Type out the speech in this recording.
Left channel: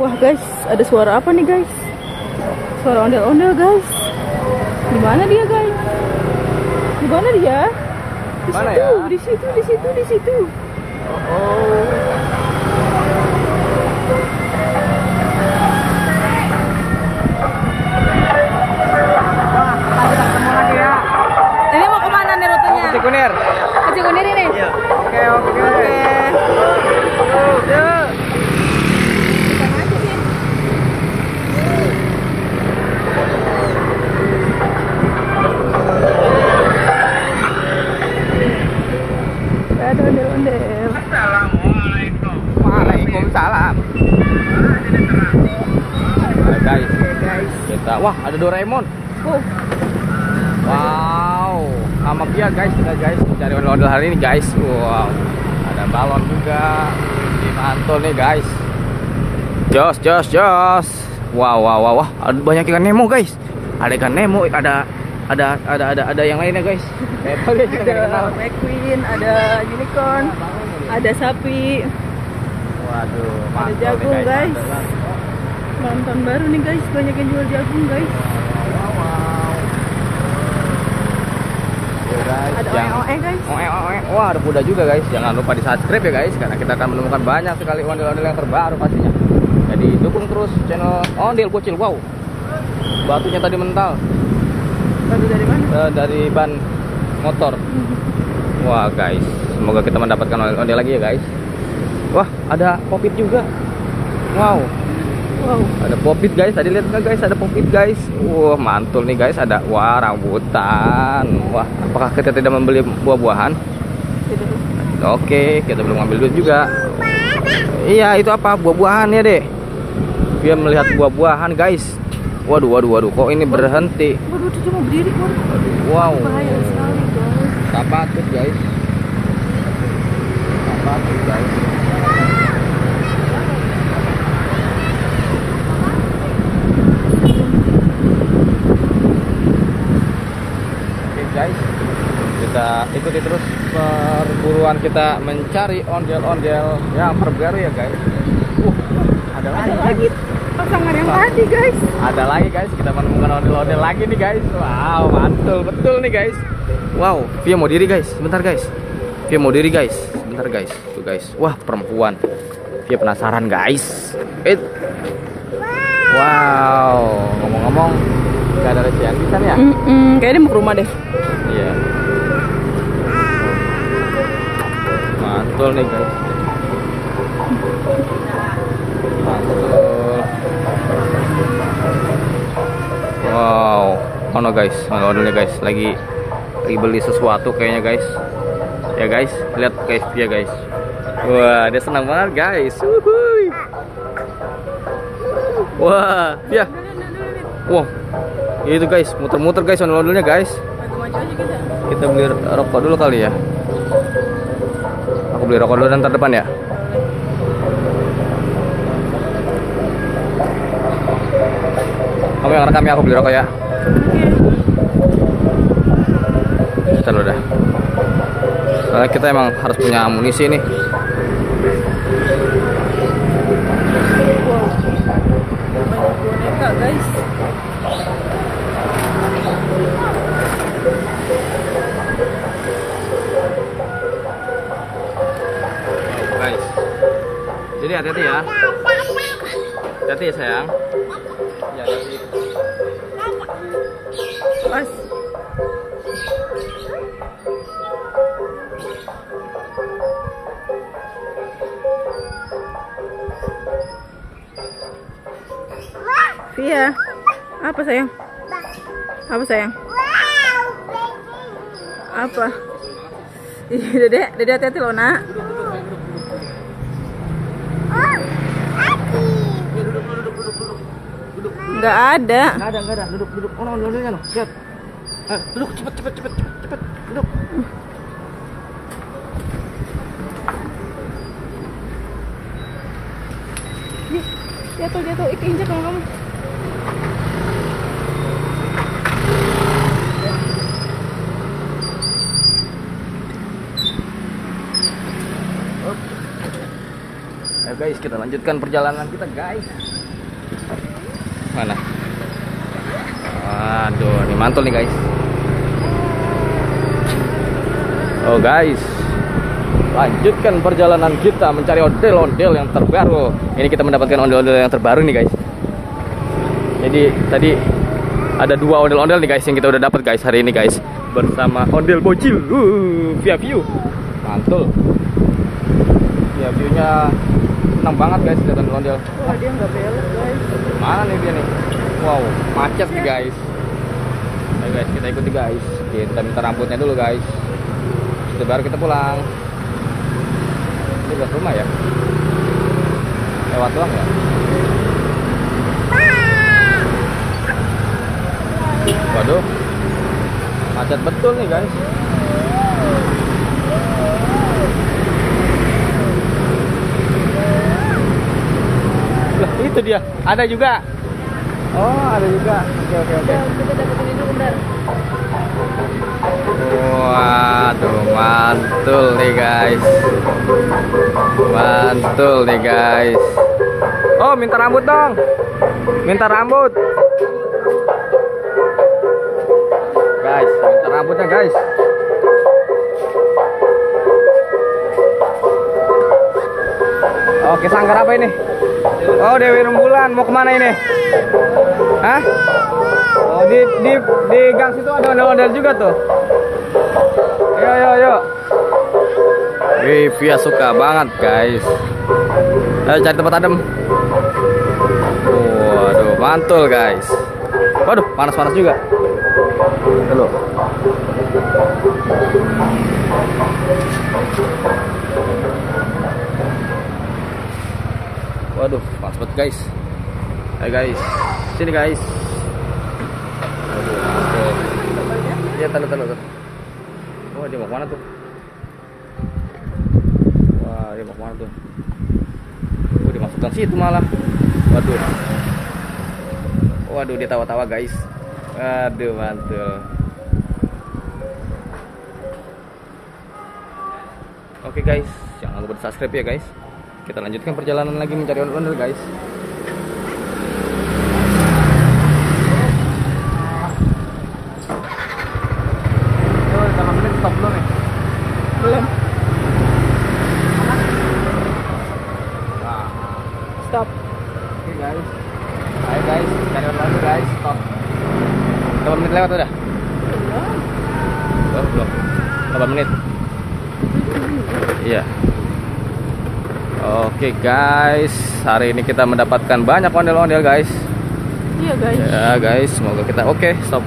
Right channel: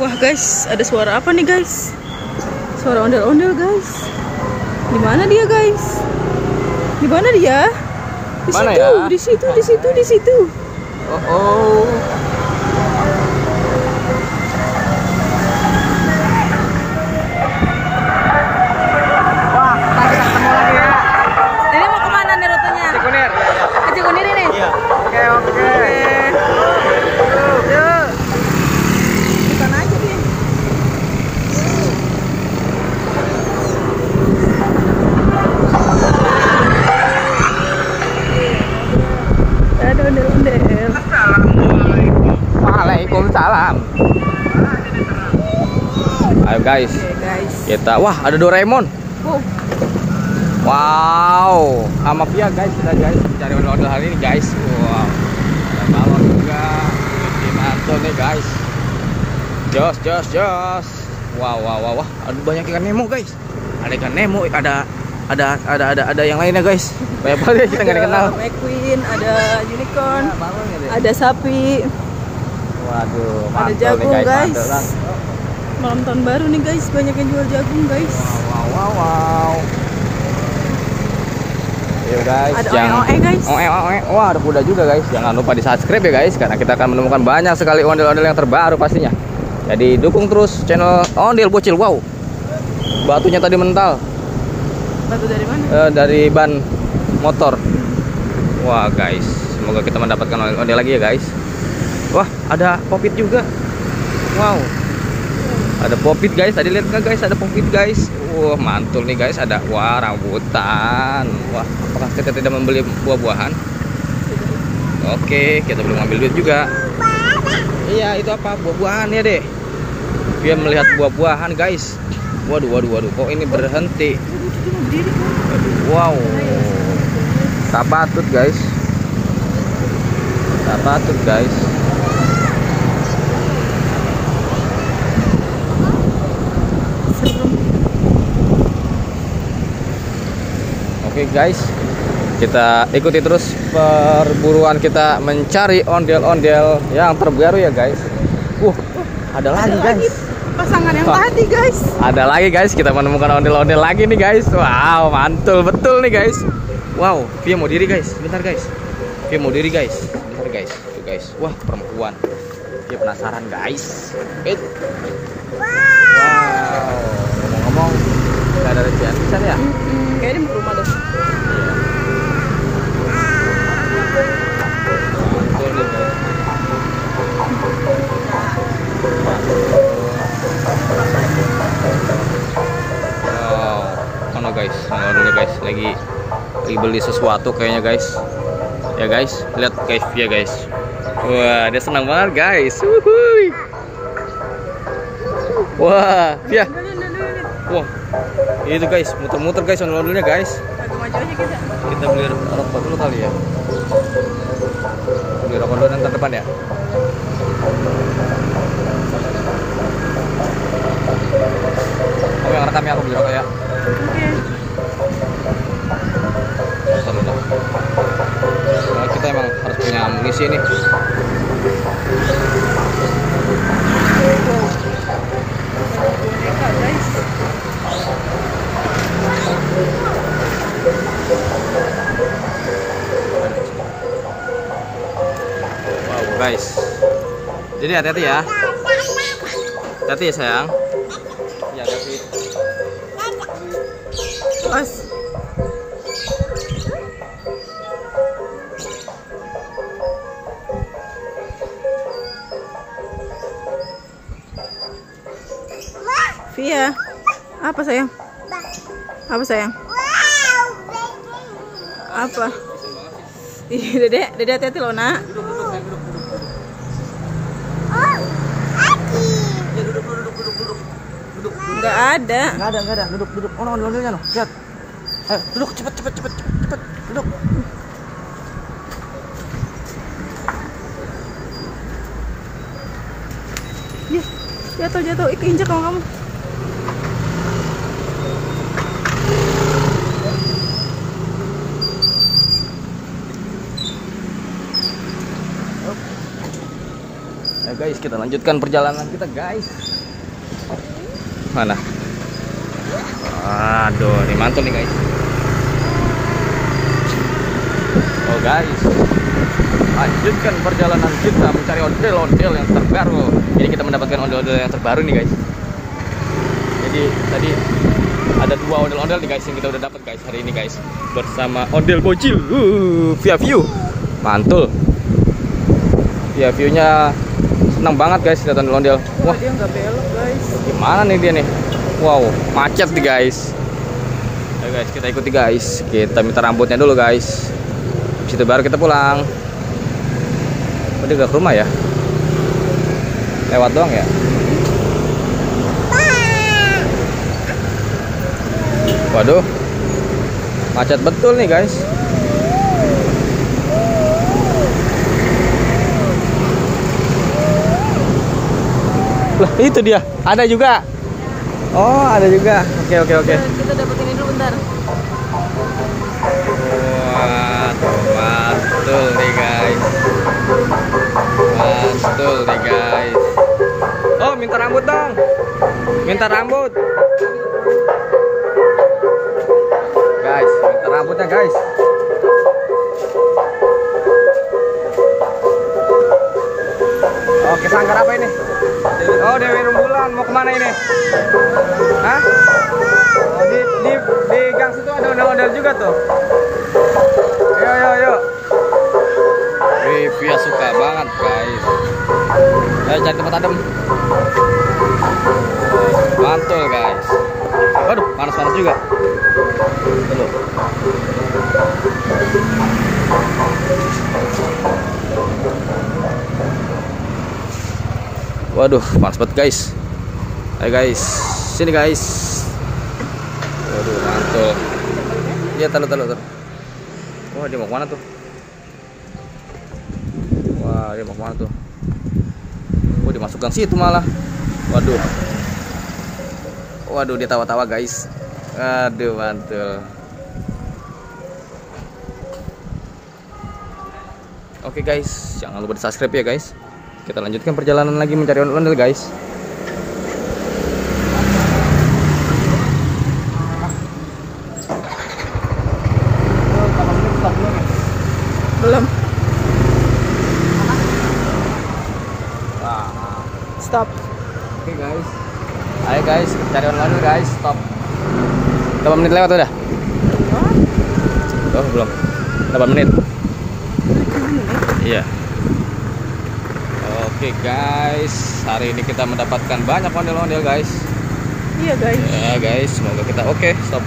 Wah guys, ada suara apa nih guys? Suara ondel-ondel guys. Di mana dia guys? Di mana dia? Di Mana situ, ya? di situ, di situ, di situ. Oh. Wah, kita ketemu lagi ya. Ini mau kemana nih rutenya? Cikunir. Ke Cikunir ini? Iya. Oke. Yuk. Di sana aja dia. Ada ondel-ondel. Waalaikumsalam. Ayo guys, Guys. kita ada Doraemon. Oh, Wow, sama Pia guys, kita guys mencari ondel-ondel hari ini guys. Wow, ada galon juga. Ini mantul nih guys. Jos. Wow. Ada banyak ikan Nemo guys. Ada ikan Nemo, ada yang lainnya guys. Bebel ya kita nggak kenal. ada McQueen, ada unicorn, ada sapi, Waduh, ada mantul nih, jagung guys. mantul lah. Malam tahun baru nih guys, banyak yang jual jagung guys. Wow. Ya guys, Ada yang oe-oe, guys. Oe. Wah, ada kuda juga guys. Jangan lupa di subscribe ya guys, karena kita akan menemukan banyak sekali ondel-ondel yang terbaru pastinya. Jadi dukung terus channel Ondel Bocil. Wow, batunya tadi mental. Batu dari mana? Dari ban motor. Wah guys, semoga kita mendapatkan ondel-ondel lagi ya guys. Wah, ada popit juga. Wow. Ada popit guys, tadi lihat nggak guys? Ada popit guys. Wah, mantul nih guys. Ada rambutan. Wah, apakah kita tidak membeli buah-buahan? Oke, kita belum ambil duit juga. Iya, itu apa? Buah-buahan ya deh. Dia melihat buah-buahan guys. Waduh, kok ini berhenti? Waduh, dia mau berdiri kok. Wow, Bahaya sekali, guys. tak patut guys. Tak patut guys. Oke guys, kita ikuti terus perburuan kita mencari ondel-ondel yang terbaru ya guys. Ada lagi guys. Pasangan yang tadi guys. Ada lagi guys, kita menemukan ondel-ondel lagi nih guys. Wow, mantul betul nih guys. Wow, Via mau diri guys. Bentar guys. Via mau diri guys. Bentar guys. Tuh guys. Wah, perempuan. Via penasaran guys. Wow, ngomong-ngomong, gak ada rezekian besar ya? Kayaknya dia mau ke rumah deh. Iya. Mantul nih guys. Wow, mana guys? Ondel guys, lagi beli sesuatu kayaknya guys. Ya guys, lihat guys ya guys. Wah, dia senang banget guys. Wuhui. Wah, ya. Wah, itu guys, muter-muter guys ondel-ondelnya guys. Agak maju aja kita. Kita beli rokok dulu kali ya. Aku beli rokok dulu dan depan ya. Oke, rekam ya, aku beli rokok ya. Bentar udah. Soalnya kita emang harus punya amunisi nih. Wow. Banyak boneka guys. Guys. Jadi hati-hati ya. Hati-hati ya sayang. Ya, hati. Pas. Via, apa sayang? Apa sayang? Apa? Ih, Dedek hati-hati loh nak. Nggak ada. Enggak ada. Duduk. Ondel-ondelnya loh. Lihat. Duduk cepet. Duduk. Jatuh, keinjak kalau kamu. guys, kita lanjutkan perjalanan kita guys. Mana? Aduh, ini mantul nih guys. Oh guys, lanjutkan perjalanan kita mencari ondel-ondel yang terbaru. Ini kita mendapatkan ondel-ondel yang terbaru nih guys. Jadi tadi ada 2 ondel-ondel nih guys yang kita udah dapat guys hari ini guys, bersama ondel bocil. Via view, mantul. Via viewnya senang banget guys lihat ondel-ondel. Wah, dia nggak belok guys. Mana nih dia nih? Wow, macet nih guys. Ayo guys, kita ikuti guys. Kita minta rambutnya dulu guys. Situ baru kita pulang. Tadi udah ke rumah ya? Lewat doang ya? Waduh, macet betul nih guys. Loh, itu dia. Ada juga. Oh, ada juga. Oke. Kita dapetin ini dulu bentar. Waduh, mantul nih guys. Mantul nih guys. Oh, minta rambut dong. Minta rambut. Guys, minta rambutnya guys. Oke, sanggar apa ini? Oh, Dewi Rembulan. Mau kemana ini? Hah? Oh, di gang situ ada ondel-ondel juga tuh. Yo. Wih, Via suka banget guys. Ayo cari tempat adem. Waduh, mantul guys. Waduh, panas-panas juga. Dulu. Waduh, panas banget guys. Ayo guys, sini guys. Waduh, mantul. Iya, taruh. Oh, dia mau kemana tuh? Wah, dia mau kemana tuh? Oh, dimasukkan situ malah. Waduh, dia tawa-tawa guys. Aduh, mantul. Oke guys, jangan lupa di subscribe ya guys. Kita lanjutkan perjalanan lagi mencari ondel-ondel guys. Stop belum ya? Belum. Stop. Oke guys. Ayo guys, cari online guys. Stop. Berapa menit lewat udah? Oh, belum. 8 menit. Iya. Oke guys, hari ini kita mendapatkan banyak ondel-ondel guys. Iya guys. Ya guys, semoga kita oke. Stop.